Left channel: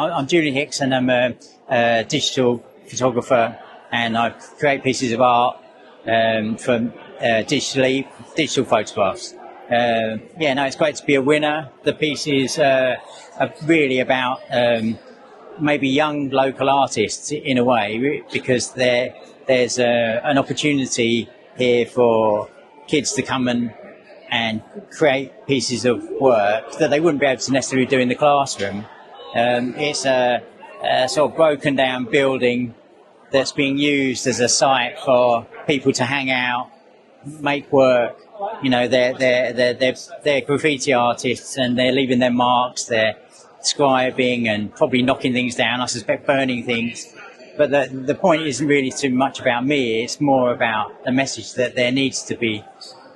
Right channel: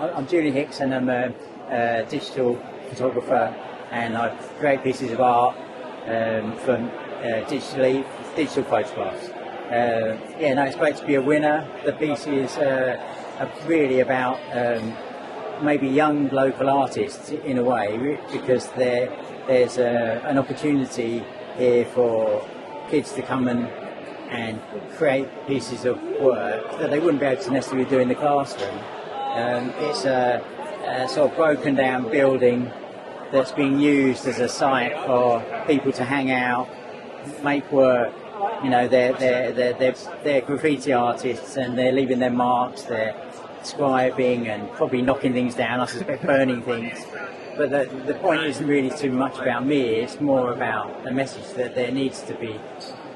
I'm Julian Hicks, and I'm a digital photographer, and I create pieces of art from digital photographs. It's great to be a winner. The pieces are really about maybe young local artists in a way, because there's an opportunity here for kids to come and create pieces of work that they wouldn't be able to necessarily do in the classroom. It's a sort of broken down building that's being used as a site for people to hang out, make work. You know, they're graffiti artists, and they're leaving their marks. They're scribing and probably knocking things down, I suspect burning things. But the point isn't really too much about me. It's more about the message that there needs to be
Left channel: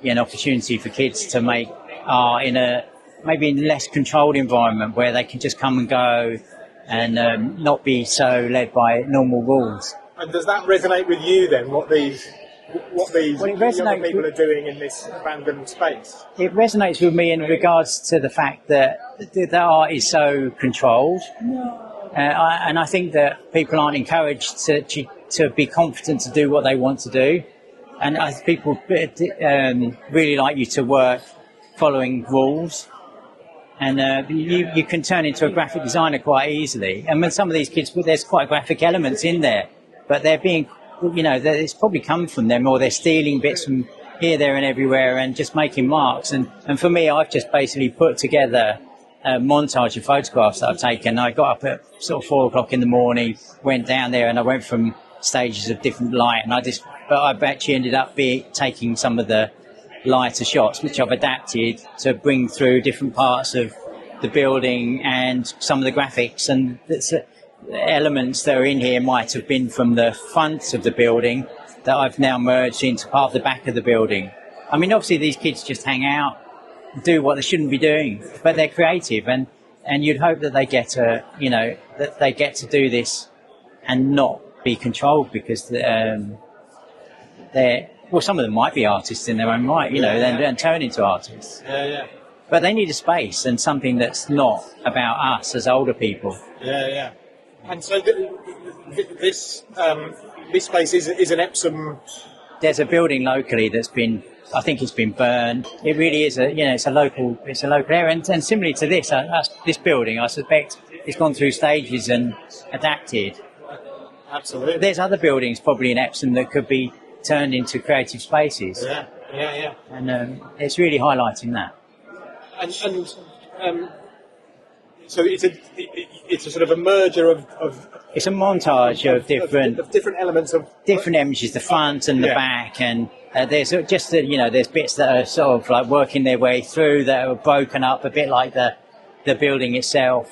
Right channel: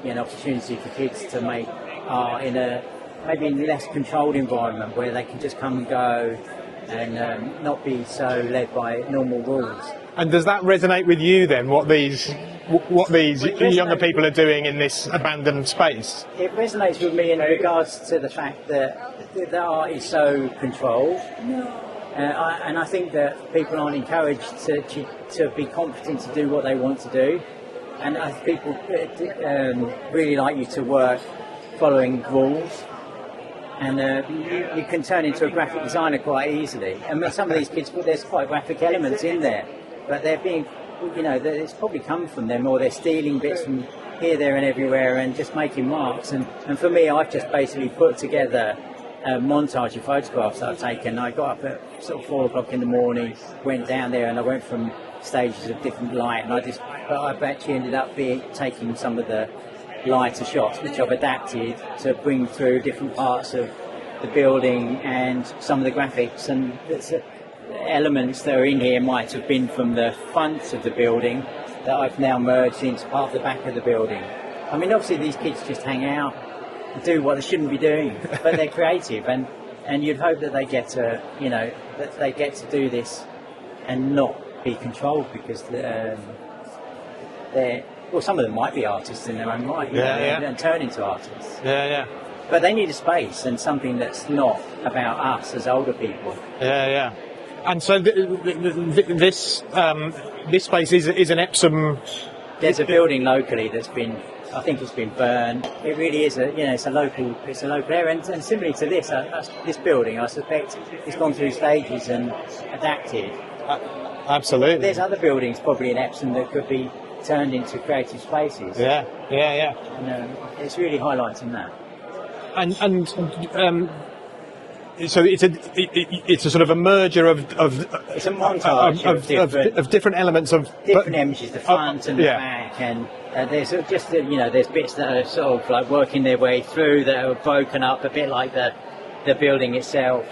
an opportunity for kids to make art in maybe in a less controlled environment, where they can just come and go and not be so led by normal rules. And does that resonate with you then, what these younger people are doing in this abandoned space? It resonates with me in regards to the fact that the art is so controlled. And I think that people aren't encouraged to be confident to do what they want to do. And people really like you to work following rules. And you can turn into a graphic designer quite easily. And when some of these kids, there's quite graphic elements in there, but they're being, it's probably come from them, or they're stealing bits from here, there and everywhere and just making marks. And for me, I've just basically put together a montage of photographs that I've taken. I got up at sort of 4 o'clock in the morning, went down there, and I went from stages of different light, and I've actually ended up taking some of the lighter shots, which I've adapted to bring through different parts of the building, and some of the graphics and elements that are in here might have been from the front of the building that I've now merged into part of the back of the building. I mean, obviously these kids just hang out and do what they shouldn't be doing, but they're creative, and you'd hope that they get to do this and not be controlled, because some of them might be artists in their own right, and turn into artists. Yeah. But they need a space and something that's not about us as older people. Yeah. And so this space is an Epsom. There's a building locally that's been, I think it's been burned. It really is it's a local area, and similarly to this building, I suspect it's gone through stages and adapted. Absolutely. There's other buildings probably in Epsom that could be turned into creative spaces. Yeah. And it's really highlighting that. So it's a sort of a merger of it's a montage of different elements of different images, the front and the back, and there's just there's bits that are sort of like working their way through that are broken up a bit like the building itself,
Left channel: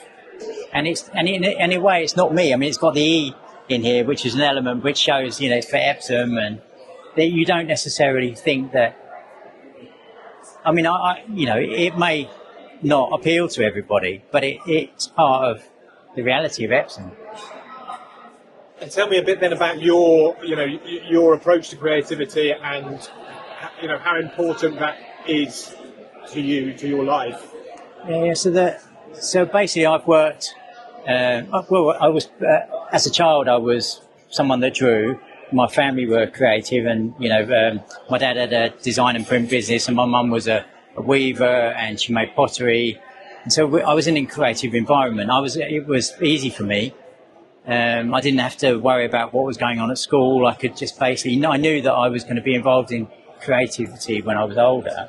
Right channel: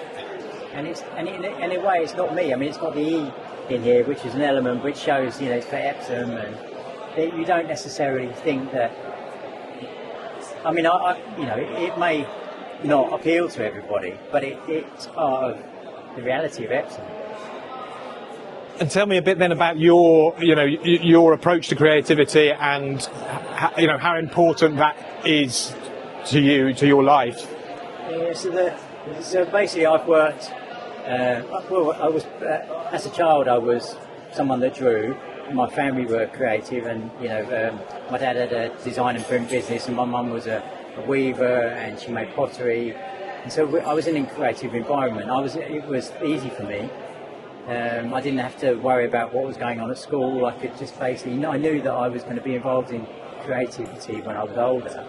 and in a way it's not me. I mean, it's got the E in here, which is an element which shows it's for Epsom, and that you don't necessarily think that. I mean, it may not appeal to everybody, but it's part of the reality of Epsom. And tell me a bit then about your approach to creativity, and how important that is to you, to your life. Yeah, so basically I've worked. I was as a child, I was someone that drew. My family were creative, and my dad had a design and print business, and my mum was a weaver, and she made pottery, and so I was in a creative environment. It was easy for me. I didn't have to worry about what was going on at school. I could just basically, I knew that I was going to be involved in creativity when I was older.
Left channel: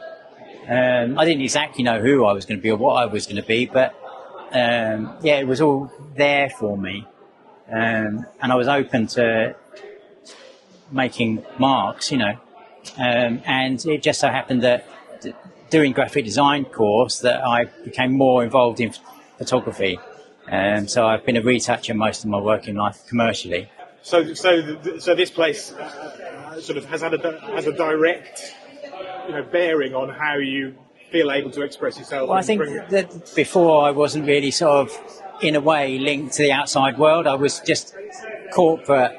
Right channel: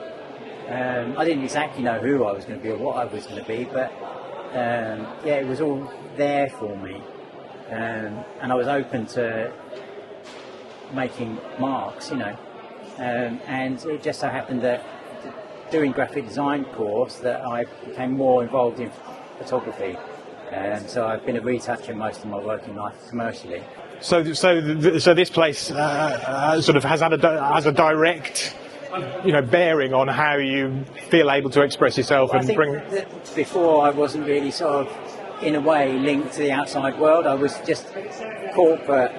I didn't exactly know who I was going to be or what I was going to be, but it was all there for me, and I was open to making marks, and it just so happened that doing graphic design course that I became more involved in photography, so I've been a retoucher most of my working life commercially. So this place sort of has a direct bearing on how you feel able to express yourself. Well, I think that before I wasn't really sort of in a way linked to the outside world. I was just corporate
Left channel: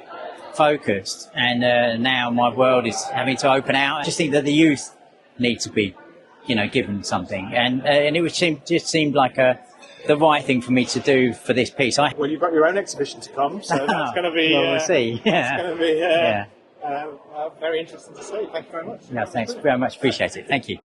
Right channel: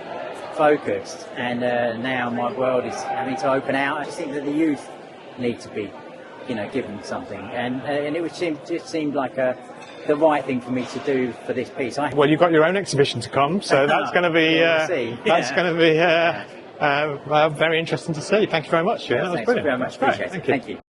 focused, and now my world is having to open out. I just think that the youth need to be given something, and it just seemed like a the right thing for me to do for this piece. Well, you've got your own exhibition to come, so that's going to be Well, we'll see. that's going to be very interesting to see. Thank you very much. Thanks very much. Appreciate it. Thank you.